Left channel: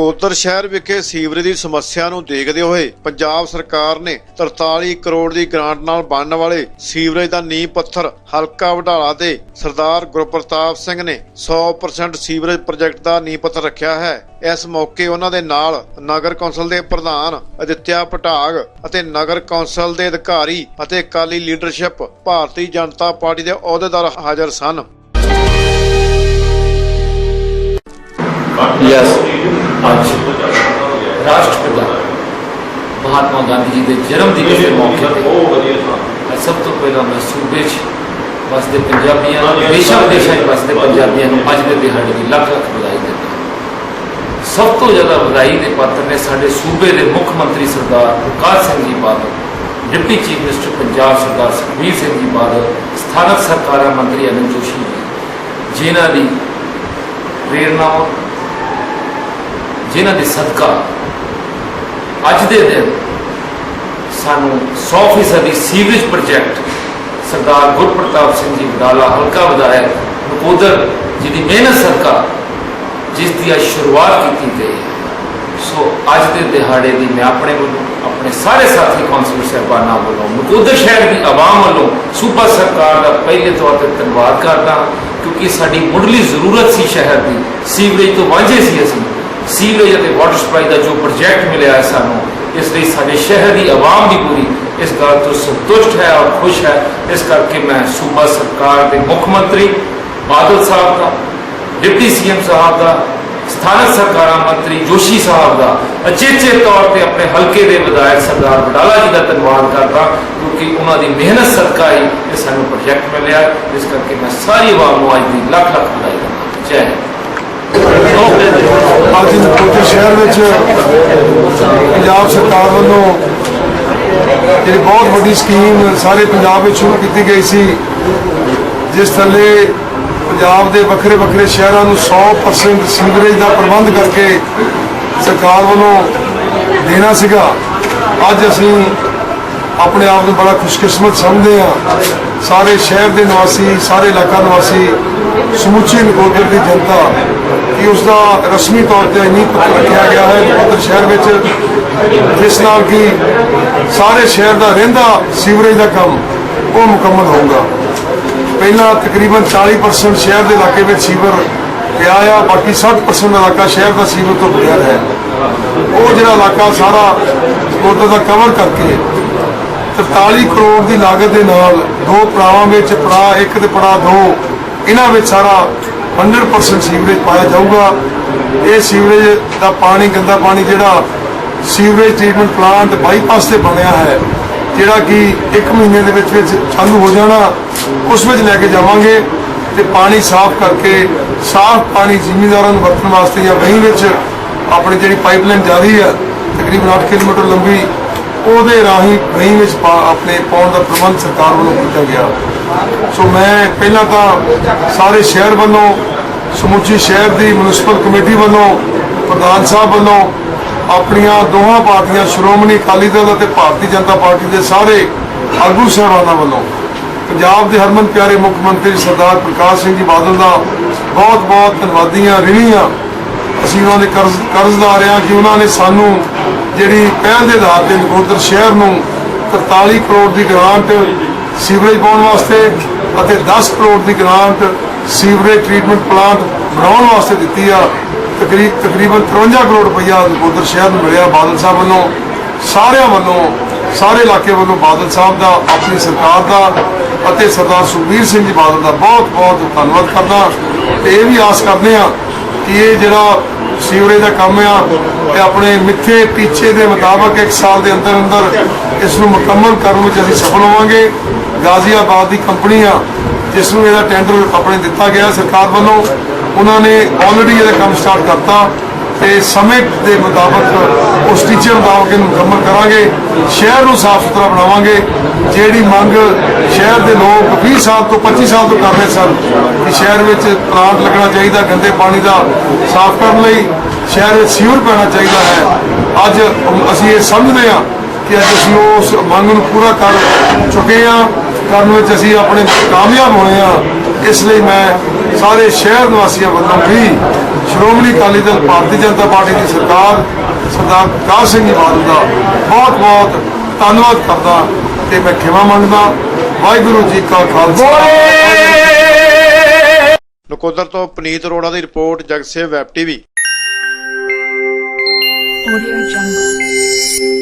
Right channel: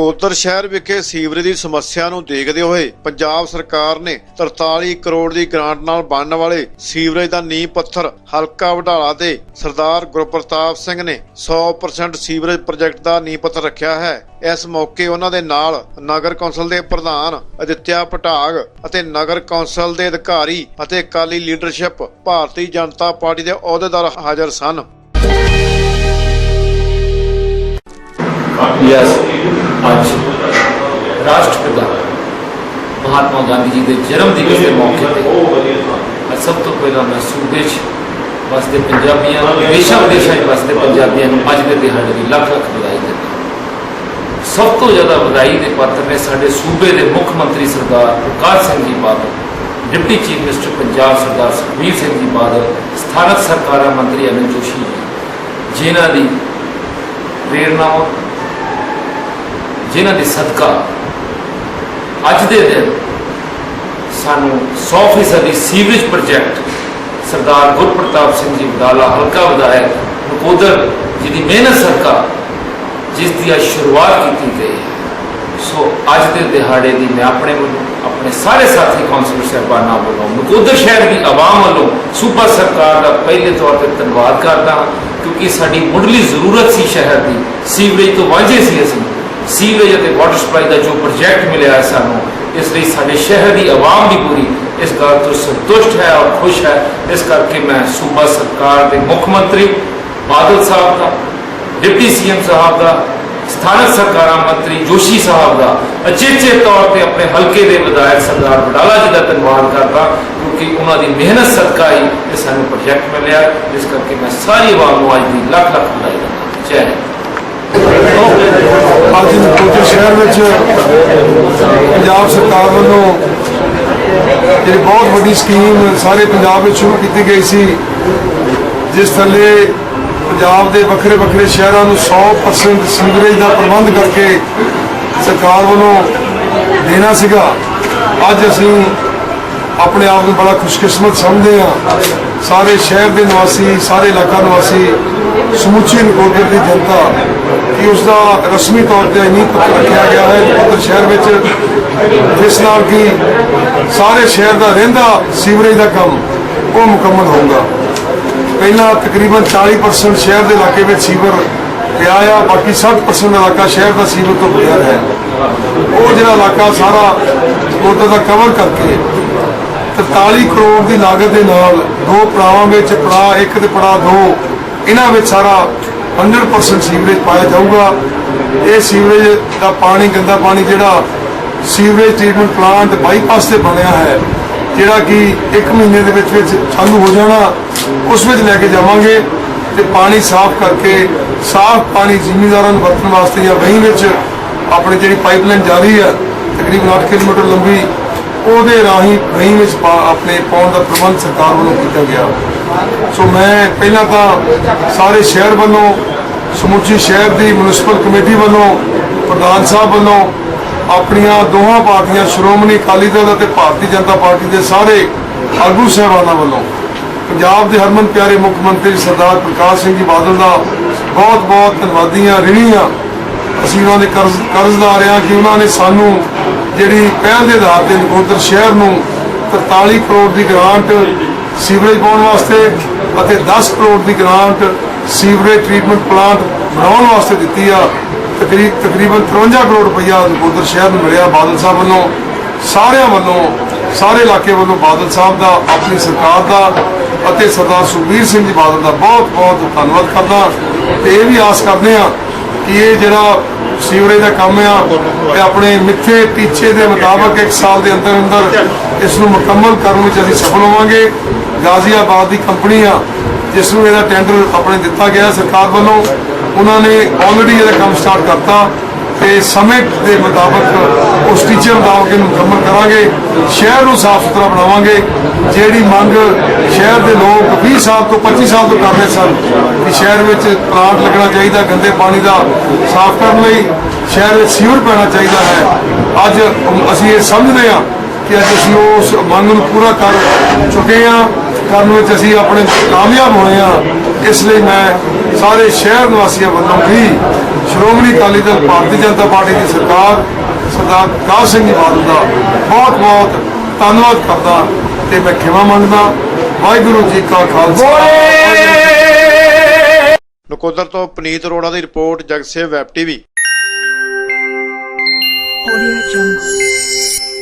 ਨਕੋਦਰ शहर विखे सीवरेज की समस्या नूं देखदे होए पंजाब सरकार ने 43 करोड़ की ग्रांट नाल बनने वाले सीवरेज का नींह पत्थर हलका वडाला दे सरदार गुरप्रताप सिंह ने 100% सीवरेज प्रोजेक्ट का नींह पत्थर रखा है। इस मौके उन्हां दे नाल नगर कौंसल के प्रधान आदित्य पटाग अते नगर कौंसल के अधिकारी अते अकाली लीडरशिप भारतीय जनता पार्टी के अहुदेदार हाजिर सन। यस आज राष्ट्रपिता महात्मा गांधी जी के जन्म दिवस के मौके पर सब तो पहला मैं सूबे बसते पंजाबियों देशों विदेशों बसते पंजाबियों अज के दिहाड़े की लख लख बधाई देता। सब तो ज़्यादा बधाई के पात्र ने साडे सूबे के मुख्य मंत्री सरदार प्रकाश सिंह जी बादल, डिप्टी चीफ मिनिस्टर पंजाब सरदार सुखबीर सिंह जी बादल, स्थानक सरकार मंत्री अनिल जोशी जी, जिन्हां दी प्रेरणा जिन्हां दे सदका अज दे दिन सानू 100% सीवरेज प्रोजेक्ट सरदार गुरप्रताप सिंह जी वडाला हल्का विधायक नकोदर जी की मेहनत सदका जिसकी आज शुरुआत की गई है। सो अज के दिहाड़े की मैं अपने वालों अपने सारे साथी कौंसलर साहबाना वालों नकोदर शहर की आवाम वालों सूबा सरकार का पहले तौर पर धन्यवाद करता, क्योंकि साड़ी मुढ़ली जरूरत सी शहर की सीवरेज तो वांझे सी असीं सीवरेज और वाटर सप्लाई का जो प्रोजेक्ट मिले है सानू, इसलिए साडे शहर की आवाम भी पूरी इस गल तो संतुष्ट है और खुश है। इस करके मैं सूबा सरकार के मुख्यमंत्री बादल साहब का, डिप्टी सीएम साहब का, स्थानक सरकार मंत्री जोशी साहब का अचेचे तौर पर अपने हल्के के विधायक सरदार वडाला जी का धन्यवाद करता, क्योंकि उन्होंने मेहनत सदका ही ये सानू प्रोजेक्ट मिले। इस करके मैं सारी आवाम को अज की लख लख बधाई देना। जय हिंद। आज नकोदर शहर में पंजाब सरकार वालों जी बहुत बड़ी स्कीम सारे पंजाब में शुरू की गई सी, जिस थले पंजाब के वक्रे वक्रे शहरों में 100% सीवरेज का प्रबंध करके सरकार वालों देना सीगा। अज असी अपने आप को बड़ा खुशकिस्मत समझते हैं। सारे शहर के निवासी, सारे इलाका निवासी, समूची नकोदर की जनता कि उसका रस्मी तौर पर नींह पत्थर रखा गया है नकोदर शहर में, जिस नाल कि सारे शहर का रहिंदा सीवरेज का काम वो मुकम्मल होगा। पहला तकरीबन 40% शहर के इलाके में सीवर गया है, बाकी 60% इलाका शहर का सीवर तो बगैर है। वो जो इलाका सारा नकोदर का कवर करके 43 करोड़ की लागत के नाल दो पड़ावां में पड़ा 1 ते पड़ा 2 इन्हां सारा 100% सीवरेज पाया जाऊगा। ये सीवरेज का पानी गंदा पानी जिहड़ा सीवरेज ट्रीटमेंट प्लांट बाईपास से बनया है, जिहड़ा कि 1 महीने दे विच चालू हो जाना, उस विच लैके जावांगे ते पानी साफ करके साफ पानी जिमींदारां नूं वरतण वास्ते या वहीं विच अपनी जिहड़ी पाइपलाइन जारी है तकरीबन 8 किलोमीटर लंबी ਉਹਦੇ ਰਾਹੀਂ ਵਹੀਂ ਵਿੱਚ ਆਪਣੇ ਪਾਉਣ ਦਾ ਪ੍ਰਬੰਧ ਸਰਕਾਰ ਵੱਲੋਂ ਕੀਤਾ ਗਿਆ। ਸੋ ਮੈਂ ਪਹਿਲਾਂ ਤਾਂ ਸਾਰੇ ਸ਼ਹਿਰ ਵੱਲੋਂ ਸਮੁੱਚੀ ਸ਼ਹਿਰ ਦੀ ਮਿਊਨਿਸਪਲ ਕਮੇਟੀ ਵੱਲੋਂ ਪ੍ਰਧਾਨ ਸਾਹਿਬ ਵੱਲੋਂ ਆਪਣੀਆਂ ਦੋਹਾਂ ਪਾਰਟੀਆਂ ਸ਼੍ਰੋਮਣੀ ਅਕਾਲੀ ਦਲ ਅਤੇ ਭਾਰਤੀ ਜਨਤਾ ਪਾਰਟੀ ਦੇ ਸਾਰੇ ਆਗੂ ਸਾਹਿਬਾਨਾਂ ਵੱਲੋਂ ਪੰਜਾਬ ਦੇ ਹਰਮਨ ਪਿਆਰੇ ਮੁੱਖ ਮੰਤਰੀ ਸਰਦਾਰ ਪ੍ਰਕਾਸ਼ ਸਿੰਘ ਜੀ ਬਾਦਲ ਦਾ ਬਹੁਤ ਬਹੁਤ ਧੰਨਵਾਦੀਆਂ ਰਿਣੀਆਂ। ਅਸੀਂ ਉਹਨਾਂ ਦੇ ਕਰਜ਼ਦਾਰ ਹਾਂ ਕਿ ਉਹਨਾਂ ਨੇ ਸਾਨੂੰ ਜਿਹੜੀ ਪਹਿਲ ਦੇ ਆਧਾਰ ਤੇ ਨਕੋਦਰ ਸ਼ਹਿਰ ਨੂੰ 43 ਕਰੋੜ ਦੀ ਗ੍ਰਾਂਟ ਸੀਵਰੇਜ ਪਾਉਣ ਵਾਸਤੇ ਅਤੇ 10 ਕਰੋੜ ਦੀ ਗ੍ਰਾਂਟ ਸੀਵਰੇਜ ਟ੍ਰੀਟਮੈਂਟ ਪਲਾਂਟ ਬਣਾਉਣ ਵਾਸਤੇ ਦਿੱਤੀ ਆ। ਤਕਰੀਬਨ 53 ਕਰੋੜ ਰੁਪਈਆ ਨਕੋਦਰ ਸ਼ਹਿਰ ਨੂੰ ਮਿਲਿਆ ਬਾਦਲ ਸਾਹਿਬ ਵੱਲੋਂ। ਸਾਰਿਆਂ ਵੱਲੋਂ ਸਾਰੇ ਇਲਾਕੇ ਵੱਲੋਂ ਬਾਦਲ ਸਾਹਿਬ ਦਾ, ਆਪਣੀ ਸਰਕਾਰ ਦਾ ਅਤੇ ਸਰਦਾਰ ਸੁਖਬੀਰ ਸਿੰਘ ਜੀ ਬਾਦਲ ਦਾ ਬਹੁਤ ਬਹੁਤ ਧੰਨਵਾਦ ਕਰਦਾ ਤੇ ਇਹ ਵੀ ਆਸ ਕਰਦੇ ਹਾਂ कि ये जिहड़ा सीवरेज का काम है अपने मिथे टीचे के मुताबिक 1 साल के अंदर अंदर इसनूं मुकम्मल करने में असीं सफल होवांगे। गाजियाबाद की कंपनी आ जिसनूं इहदा टेंडर अपने दिता गया सरकार वालों, उन्होंने ऑलरेडी इहदा काम स्टार्ट करता ते समय के मुताबिक उस टीचे मुताबिक इहनूं मुकम्मल करांगे। शहर को साफ सुथरा बनावांगे। जिहड़ी मंग शहर के लोग 20 साल तो 25 साल तो कर रहे सन कि शहर में प्लांट लगना चाहिए गंदे पानी का साफ करने लई, शहर में सीवर पैना चाहिए है। अज असीं ये समझते हैं कि अज असीं उस मंग नूं पूरा कर चुके हैं, करने में असीं अपने कामयाब होए हैं। इसलिए मैं सारे शहर निवासियों वालों भी ਸ਼੍ਰੋਮਣੀ ਅਕਾਲੀ ਦਲ ਭਾਰਤੀ ਜਨਤਾ ਪਾਰਟੀ ਦੀ ਸਰਕਾਰ ਸਰਦਾਰ ਪ੍ਰਕਾਸ਼ ਸਿੰਘ ਜੀ ਬਾਦਲ ਦਾ ਬਹੁਤ ਬਹੁਤ ਧੰਨਵਾਦ ਕਰਦਾ ਤੇ ਮੈਂ ਖਿਮਾ ਮੰਗਦਾ। ਵਾਹਿਗੁਰੂ ਜੀ ਕਾ ਖਾਲਸਾ। ਨਕੋਦਰ ਤੋਂ ਪਨੀਤ ਅਰੋੜਾ ਦੀ report, Jagsev web TV. Audio Jungle।